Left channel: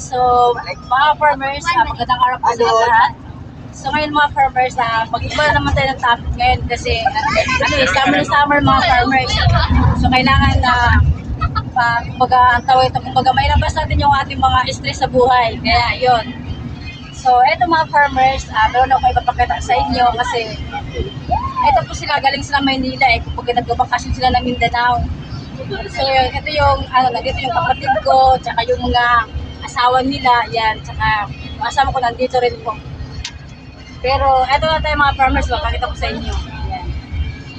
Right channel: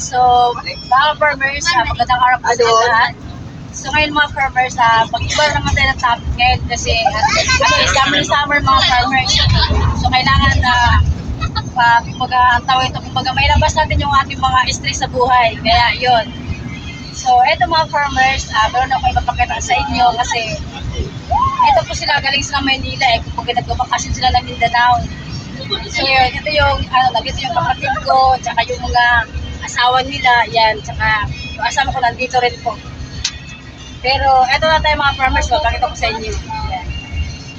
So, mga farmers, magandang araw po sa inyo lahat. So ngayon mga farmers, mag-iba na naman tayo ng topic ngayon kasi summer mga farmers. So kailangan na kumbaga, ang tawag ito, kumbaga may labas natin yung ating mga stress sa buhay. Kaya yon. So eto mga farmers, meron ako ipapakita sa inyo kasi eto po sila, galing sila Maynila kumbaga nagbabakasyon sila ng Mindanao. So yun, ito yung nandito yung kapatid ko, tsaka yung mga asawa nila, yan, tsaka yung asawa ko nandito rin po. Pero eto na tayo mga farmers, papakita ko sa inyo. Yan.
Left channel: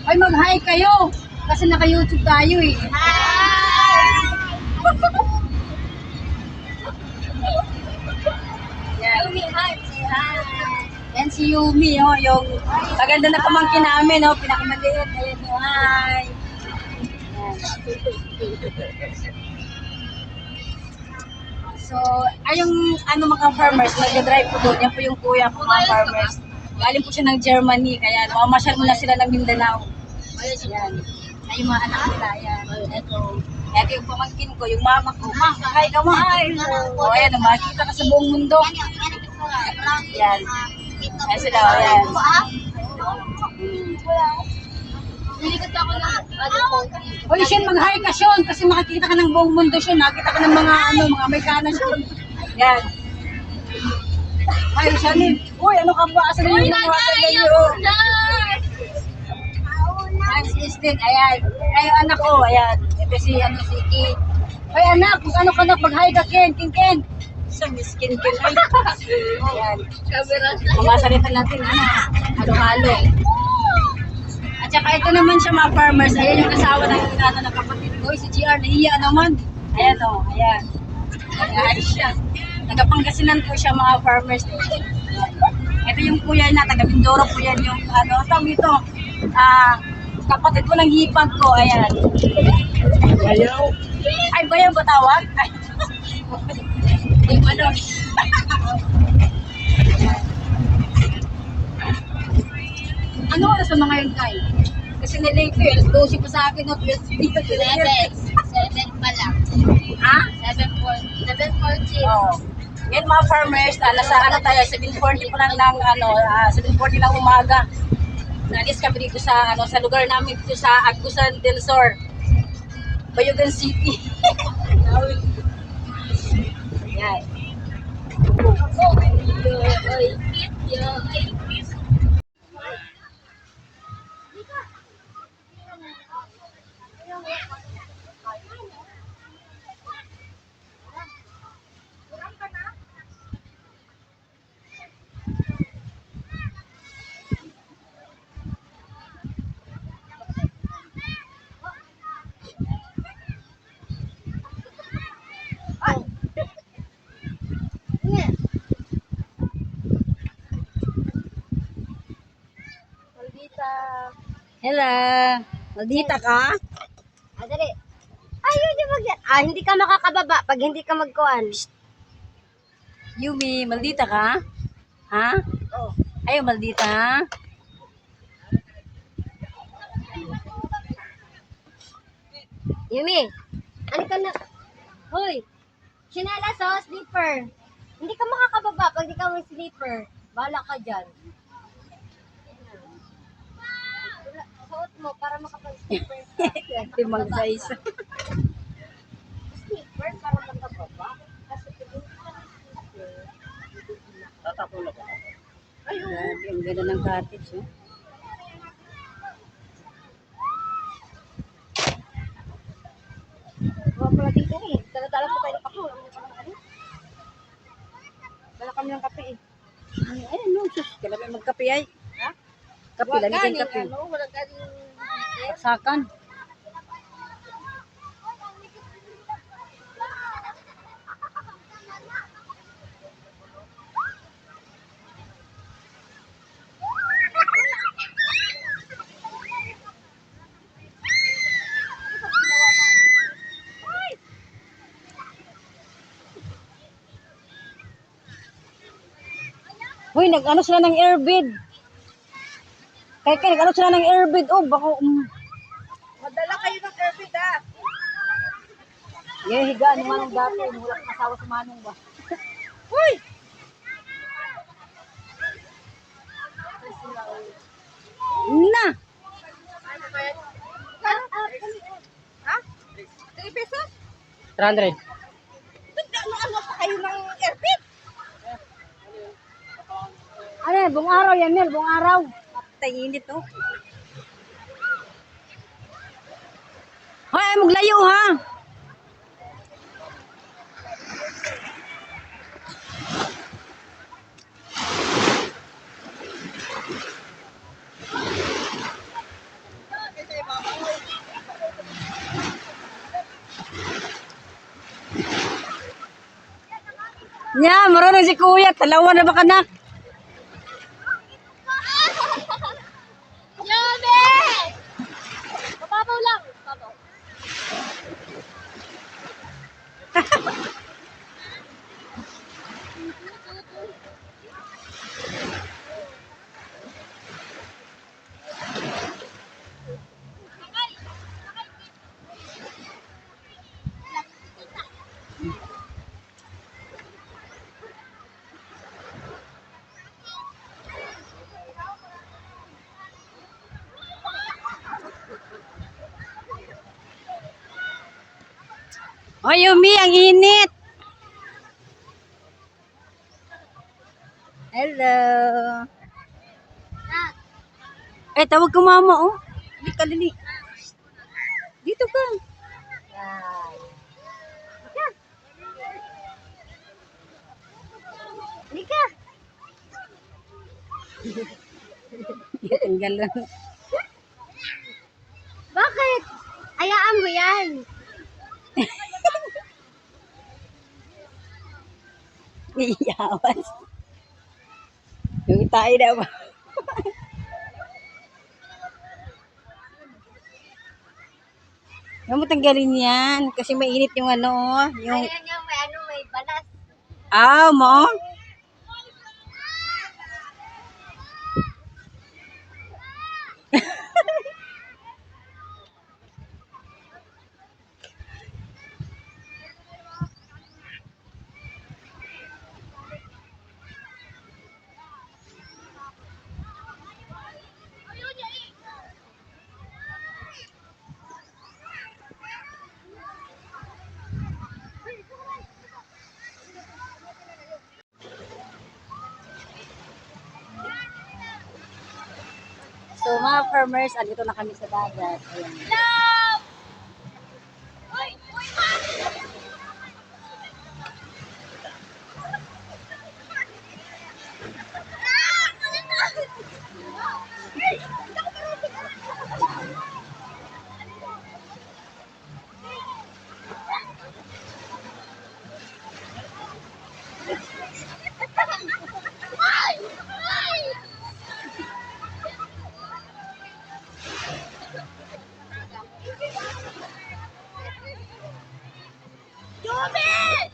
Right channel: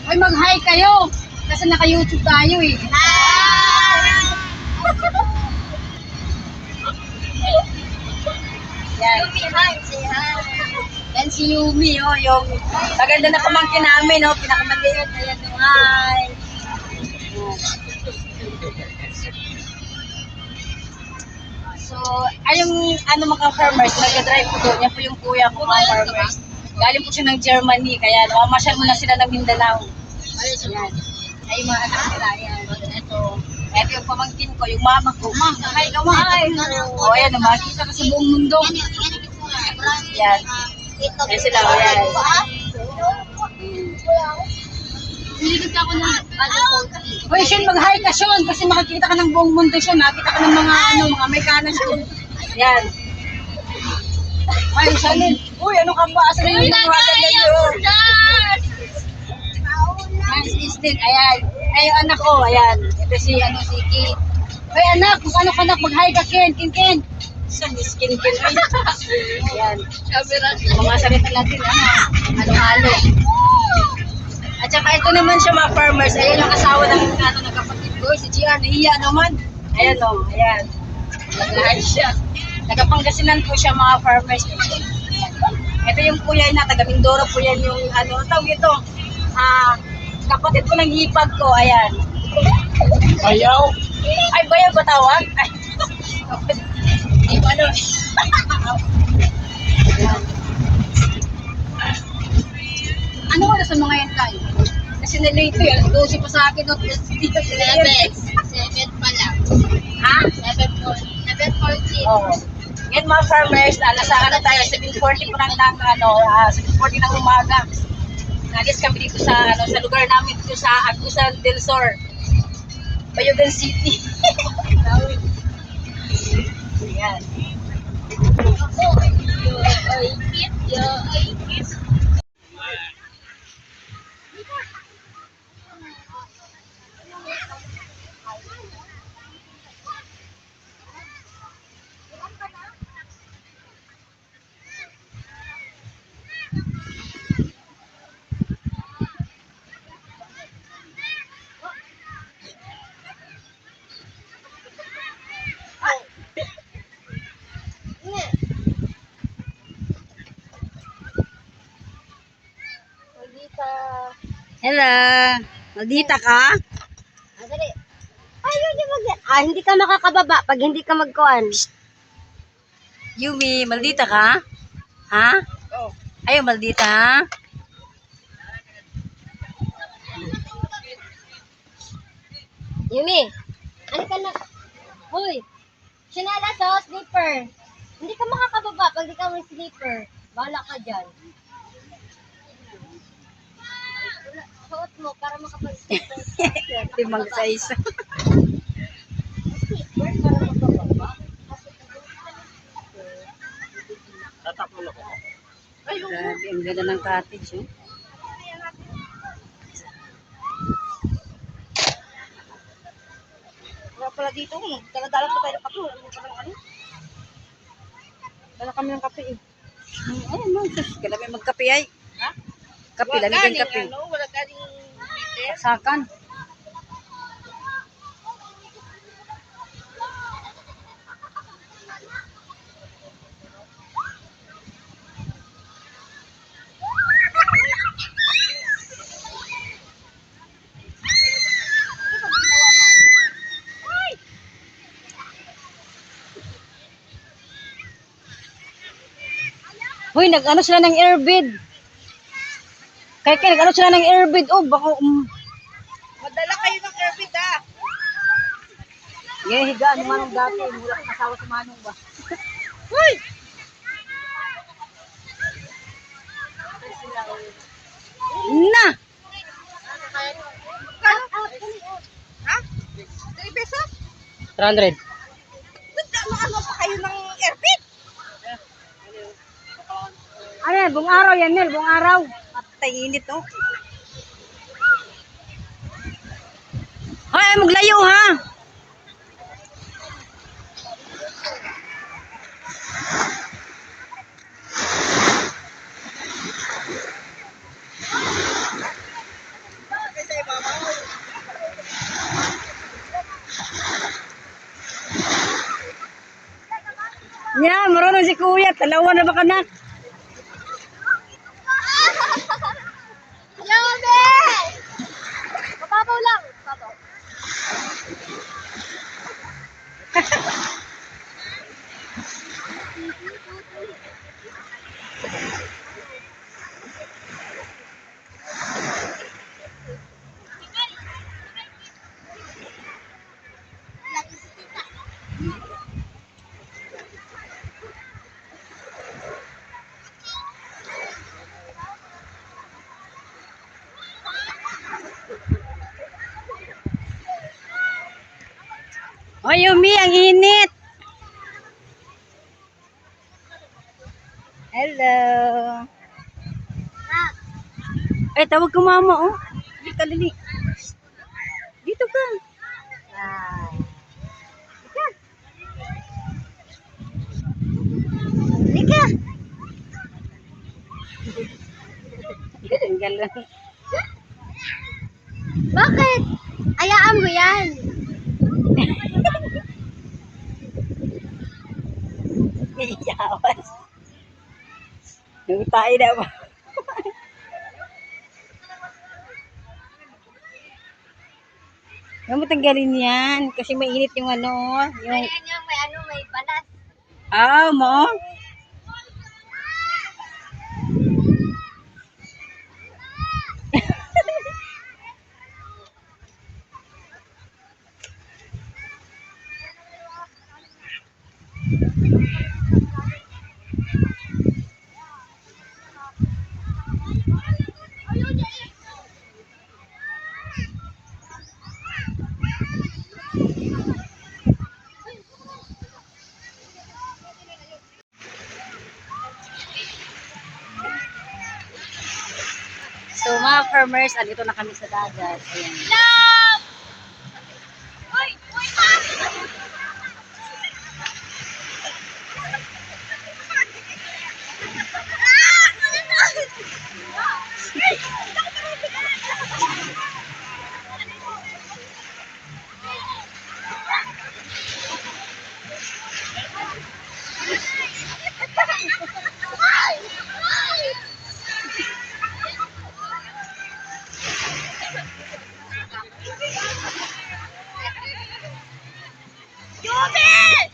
Hoy, mag-hi kayo! Kasi naka-YouTube tayo eh. Yan. Yumi, hi, say hi. Yan si Yumi, yung maganda na pamangkin namin, pinakamaliit. Ayan, hi. So, ayong mga farmers, nag-drive po doon. Yan po yung kuya ko mga farmers. Galing po siya ng Germany, kaya namamasyal muna sila ng Mindanao. Yan. Ay, yung mga anak nila, yan. Ito yung pamangkin ko, yung mama ko. Ma, hi ka mo. O, ayan, makikita ka sa buong mundo. Yan. Ayan sila, ayan. Nilibig ako ng Uy, Sean, mag-hi ka, Sean, kasi makikita ka ng buong mundo, Sean. Nakita ka ng mga, mga Amerikana, Sean. Yan. Ay, Sean, uy, ano ka ba? Asan yung mga yun? Ayan, si Istin, ayan. Ay, yung anak ko, ayan. Ito si Kate. Uy, anak, kung ano ka na, mag-hi ka, Ken. Saan is Ken? Ayan. Mga salita natin, halo-halo. At saka ito naman siya mga farmers. Ayan yung asawa ng kapatid ko, si GR. Nahiya naman. Ayan ayan. Nag-hi siya. Nagapangasinan po siya mga farmers. Ayan. Ito yung kuya na, taga Mindoro po yan yung tawag ito. Kapatid ko ng hipag ko. Ayan. Bayaw. Ay, bayaw ba tawag? Ay. Hindi mo ano. Ano oras sa mga yan tayo? Kasi na-late ko alas 12 pa sa akin, dito 7 pa lang. Ha? 7:40. Oo. Ngayon mga farmers, nasa tayo, 7:40 pa lang 7:40 ng umaga. Naalis kami dito sa lugar namin dito sa Agusan del Sur, Bayugan City. Yan. Hello. Maldita ka? Dali. Ay, hindi ka makakababa pag hindi ka magkuhan. Yumi, maldita ka? Ha? Oh. Ayaw maldita, ha? Yumi, ano ka na? Hoy, sinelas slipper. Hindi ka makakababa pag di ka may slipper. Bahala ka dyan. Suot mo para makapag-slipper. Limang sa isa. Slipper para makababa. Tatapon ako. Grabe, ang ganda ng cottage, oh. Wala pala dito. Dala-dala pa tayo ng kape. Wala mo palang ano. Dala kami ng kape eh. Ayun, no. Sus, kailangan may magkape ay. Ha? Kape, lamig ang kape. Wala galing Saksakan. Hoy, nag-ano sila ng airbid. Kaya nag-ano sila ng airbid. Oh, baka... Madala kayo ng airbid Yung higaan ng manong dati, mula kang asawa sa manong ba? Uy! Na! Ha? 3 pesos? 300. Ano pa kayo ng airpit? Ano yan? Buong araw yan, Mel. Buong araw. Matay init, oh. Hoy, maglayo ha! Nya, marunong si kuya. Talawa na baka na. Yabe! Mababaw lang. Mababaw. Hoy, Yumi, ang init. Hello. Eh, tawag ko mama, oh. Dito ka, Lili. Dito ka. Lika! Tanggal lang. Bakit? Ayaan mo yan. Iyawas. Yung tayo na ba? Huwag mo tanggalin yan. Kasi mainit yung ano, yung... Ayan yung may ano, may balas. Ah, mo? So mga farmers, andito na kami sa dagat. Ayan. Yobe!